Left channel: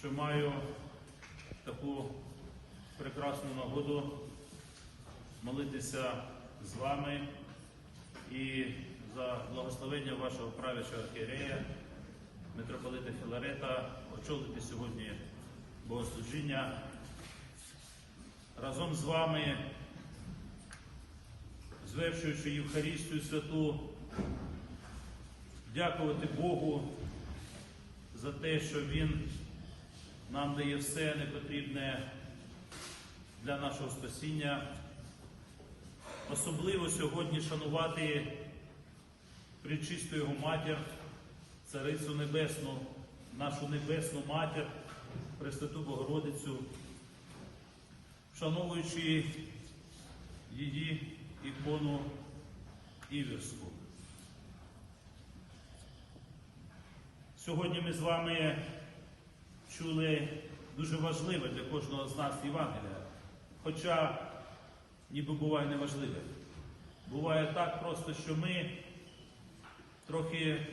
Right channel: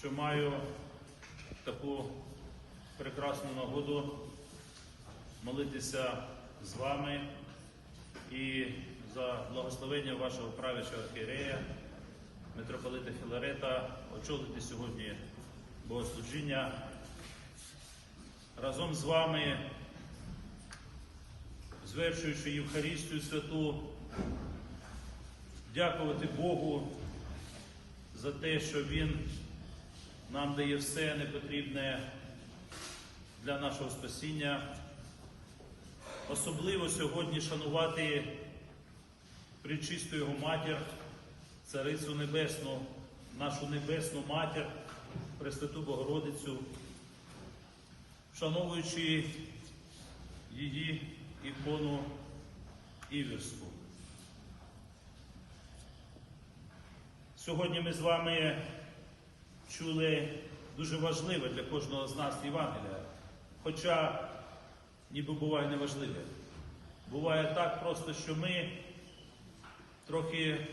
що маю таку прекрасну нагоду молитися з вами і за благословення вашого правячого архієрея, митрополита Філарета, очолити сьогодні богослужіння. Разом з вами, звершуючи Євхаристію святу, дякувати Богу за те, що Він нам дає все непотрібне для нашого спасіння. Особливо сьогодні шанувати причисту Його матір, Царицю Небесну, нашу Небесну Матір, Пресвяту Богородицю, вшановуючи її ікону Іверську. Сьогодні ми з вами чули дуже важливе для кожного з нас Євангелія. Хоча ніби буває неважливе. Буває так просто, що ми трохи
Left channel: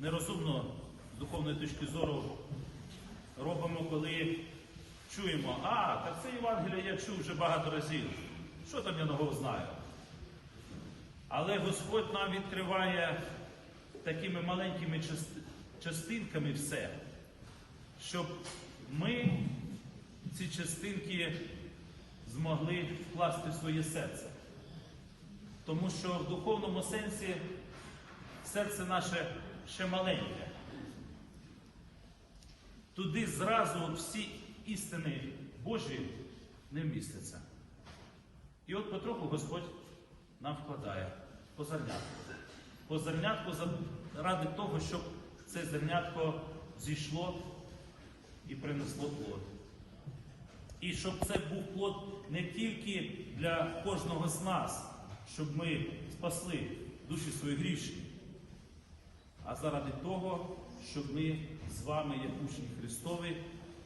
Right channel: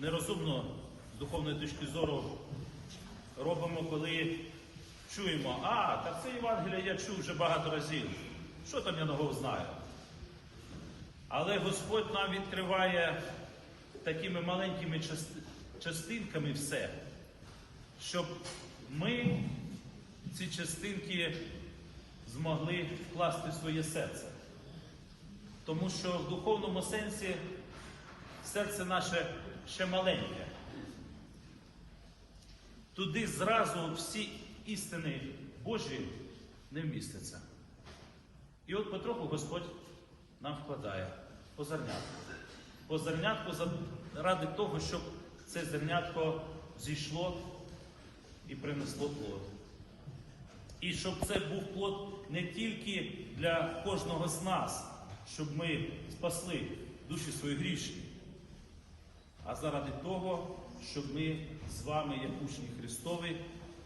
нерозумно з духовної точки зору робимо, коли чуємо, а, так це Євангелія я чув вже багато разів. Що там я нового знаю? Але Господь нам відкриває такими маленькими частинками все, щоб ми ці частинки змогли вкласти в своє серце. Тому що в духовному сенсі серце наше ще маленьке. Туди зразу всі істини Божі не вмістяться. І от потроху Господь нам вкладає по зернятку. По зернятку ради того, щоб це зернятко зійшло і принесло плод. І щоб це був плод не тільки для кожного з нас, щоб ми спасли душі свої гріші, а заради того, щоб ми з вами, як учні Христові,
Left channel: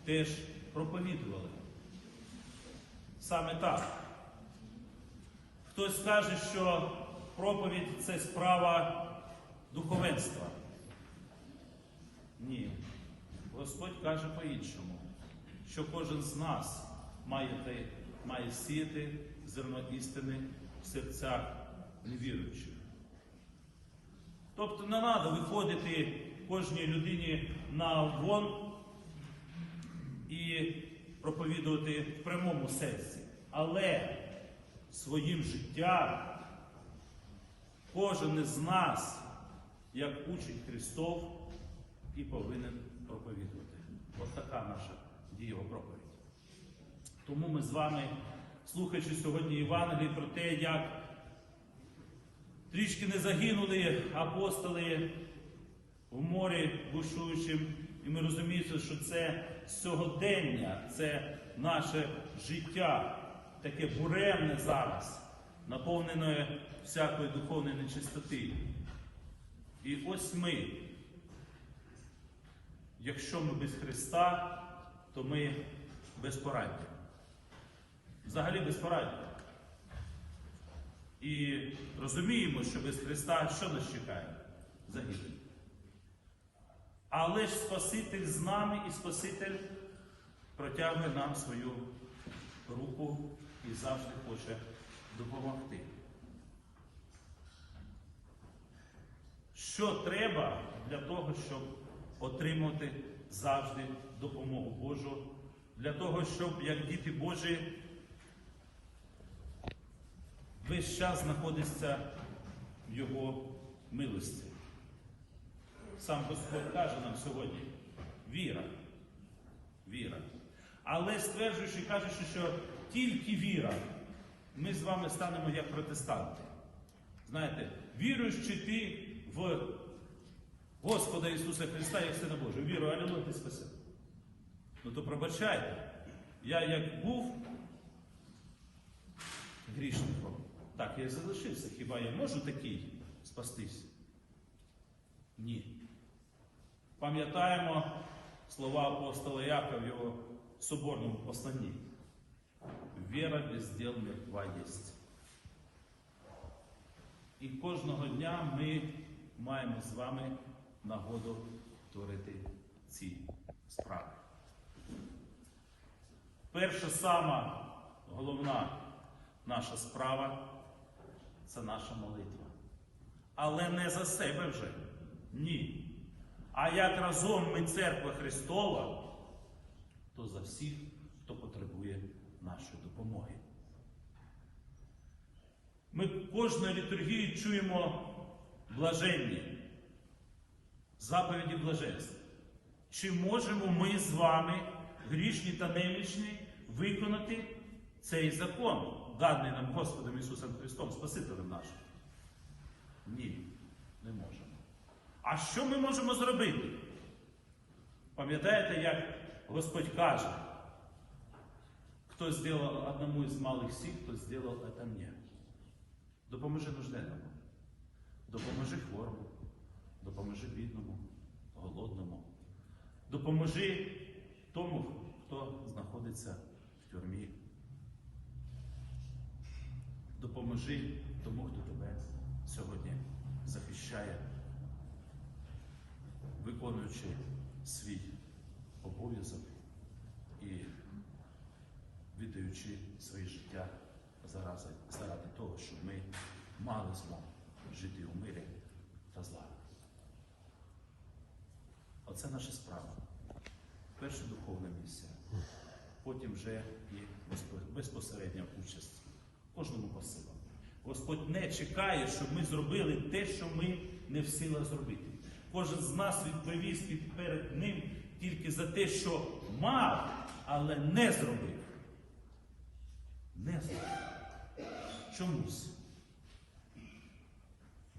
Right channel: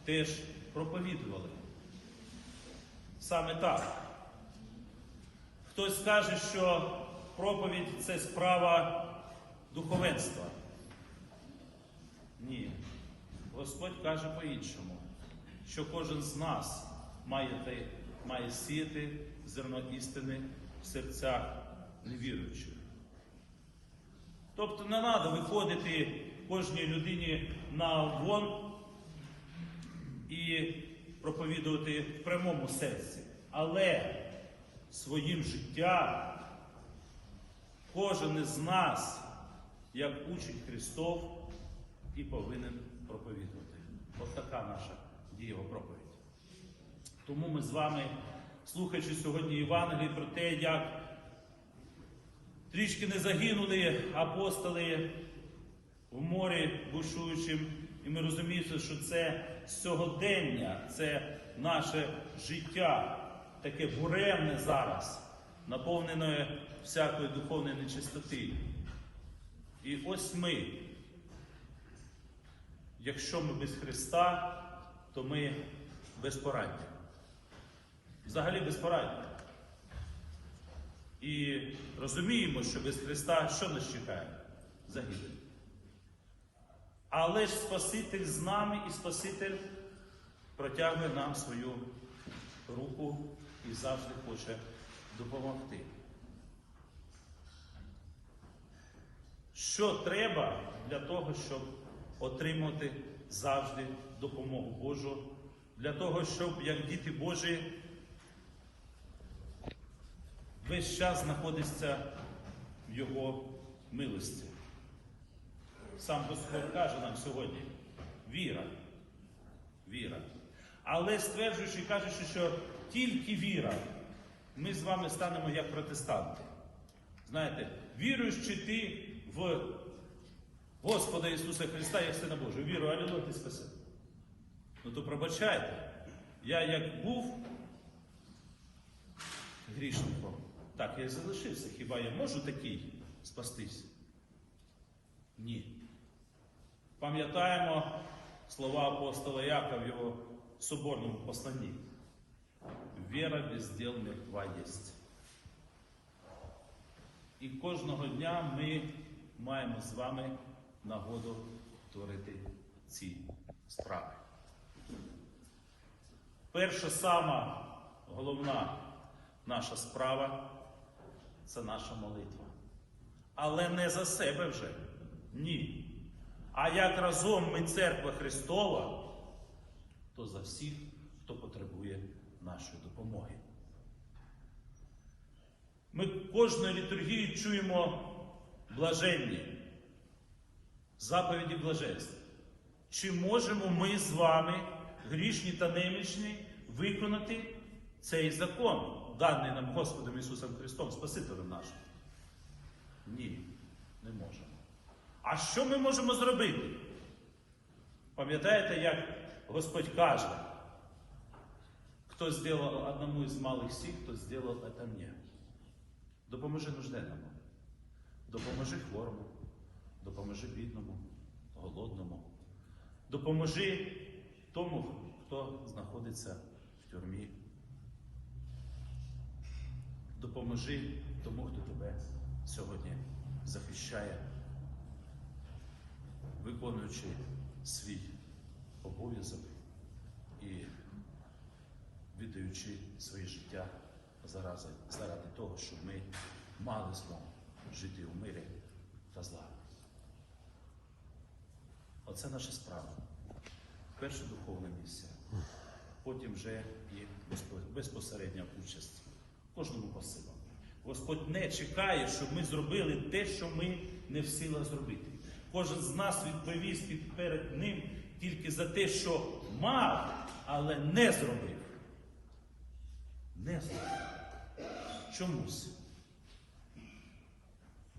теж проповідували. Саме так. Хтось скаже, що проповідь це справа духовенства. Ні. Господь каже по-іншому, що кожен з нас має, те- має сіяти зерно істини в серцях невіруючих. Тобто не треба виходити кожній людині на вон і проповідувати в прямому сенсі. Але своїм життям кожен із нас, як учень Христов, і повинен така наша дієва проповідь. Тому ми з вами, слухаючи сьогодні Євангелії про те, як трішки не загинули апостоли в морі бушуючим, і ми розуміємо, що це сьогодення, це наше життя, таке буремне зараз, наповнене всякої духовної нечистоти. І ось ми, якщо ми без Христа, то ми безпорадні. Взагалі безпорадні. І розуміємо, що без Христа що нас чекає? Загибель. Але ж Спаситель з нами і Спаситель протягує нам свою руку і завжди хоче допомогти. Що треба для того, щоб отримати завжди допомогу Божу, для того, щоб як діти Божі весь час знаходиться в Його милості. Сам Господь каже нам сьогодні віра. Віра. Але стверджуючи, кажучи, що тільки віра, ми з вами станемо як протестанти. Знаєте, віруючи ти в Господа Ісуса Христа як Сина Божого. Вірую, алілуя, ти спаси. Ну то пробачайте. Я як був грішником, так я і залишився. Хіба я можу такий спастись? Ні. Пам'ятаємо слова апостола Якова в його соборному посланні. Віра без діл мертва єсть. І кожного дня ми маємо з вами нагоду творити ці справи. перша сама головна наша справа це наша молитва. Але не за себе вже. Ні. А як разом ми церква Христова, то за всіх, хто потребує нашої допомоги. Ми кожної літургії чуємо блаженні, заповіді блаженства. Чи можемо ми з вами, грішні та немічні, виконати цей закон, даний нам Господом Ісусом Христом, Спасителем нашим? Ні, не можемо. А що ми можемо зробити? Пам'ятаєте, як Господь каже, хто зробив одному із малих сіх, то зробив це мені. Допоможи нужденному, допоможи хворому, допоможи бідному, допоможи тому, хто знаходиться в тюрмі. Допоможи тому, хто тебе сьогодні захищає, виконуючи свій обов'язок і віддаючи своє життя зарази, заради того, щоб ми мали змогу жити у мирі та злагоді. Оце наша справа. Перша духовна місія. Потім вже і безпо- безпосередня участь кожному по-своєму. Господь не чекає, щоб ми зробили те, що ми не в силах зробити. Кожен з нас відповість під- перед ним тільки за те, що мав, але не зробив. Не зробив. Чомусь.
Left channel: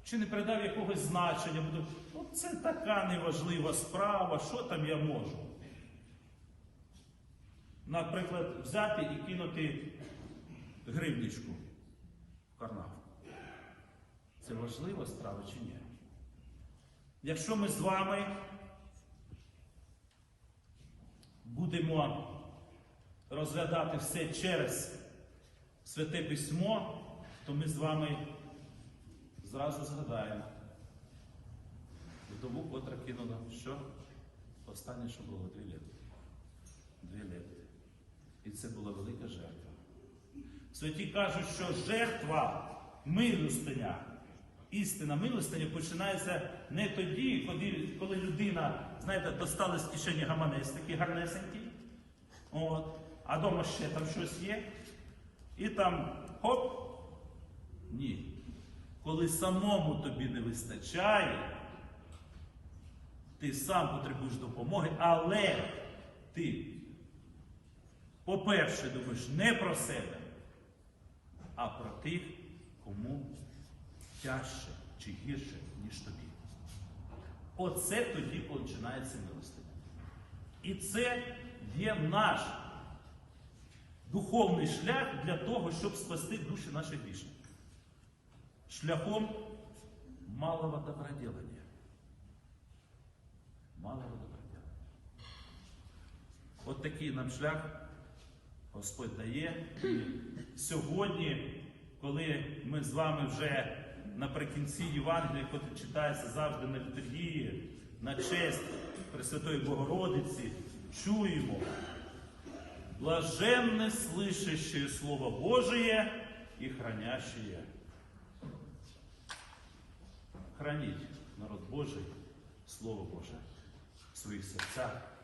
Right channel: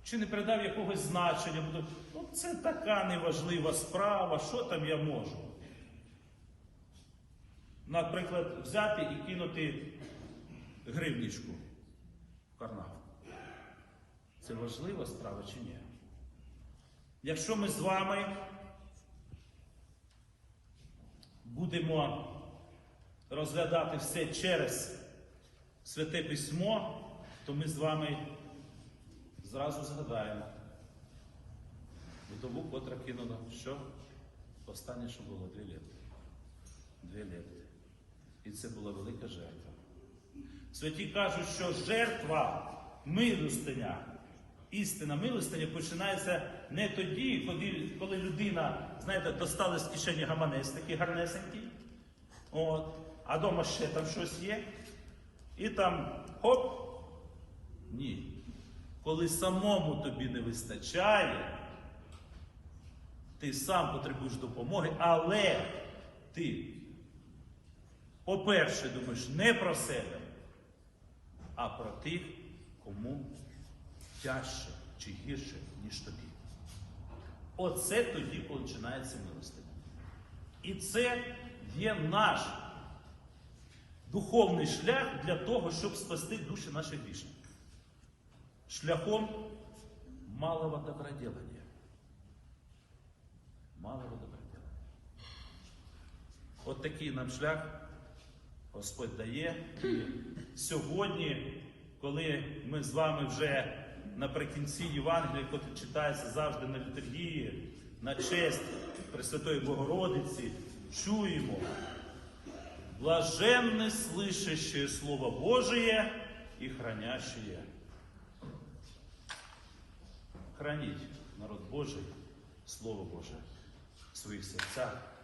Чи не придав якогось значення, «Ну, це така неважлива справа, що там я можу? Наприклад, взяти і кинути гривничку в карман. Це важлива справа чи ні? Якщо ми з вами будемо розглядати все через Святе Письмо, то ми з вами зразу згадаємо. Вдову, котра кинула, що? Останнє, що було дві літа. Це була велика жертва. Святі кажуть, що жертва милостиня, істина милостиня починається не тоді, коли, людина, знаєте, достала з кишені гаманець такий гарнесенький, от, а вдома ще там щось є, і там хоп. Ні. Коли самому тобі не вистачає, ти сам потребуєш допомоги, але ти, по-перше, думаєш не про себе, а про тих, кому тяжче чи гірше, ніж тобі. Оце тоді починається милостиня. І це є наш духовний шлях для того, щоб спасти душі наших грішників. Шляхом малого доброделания. Малого доброделания. От такий нам шлях Господь дає. І сьогодні, коли ми з вами вже наприкінці Євангелія, яке читається завжди на літургії, на честь Пресвятої Богородиці, чуємо блаженне слышащее Слово Божие и хранящее. Храніть народ Божий, Слово Боже в своїх серцях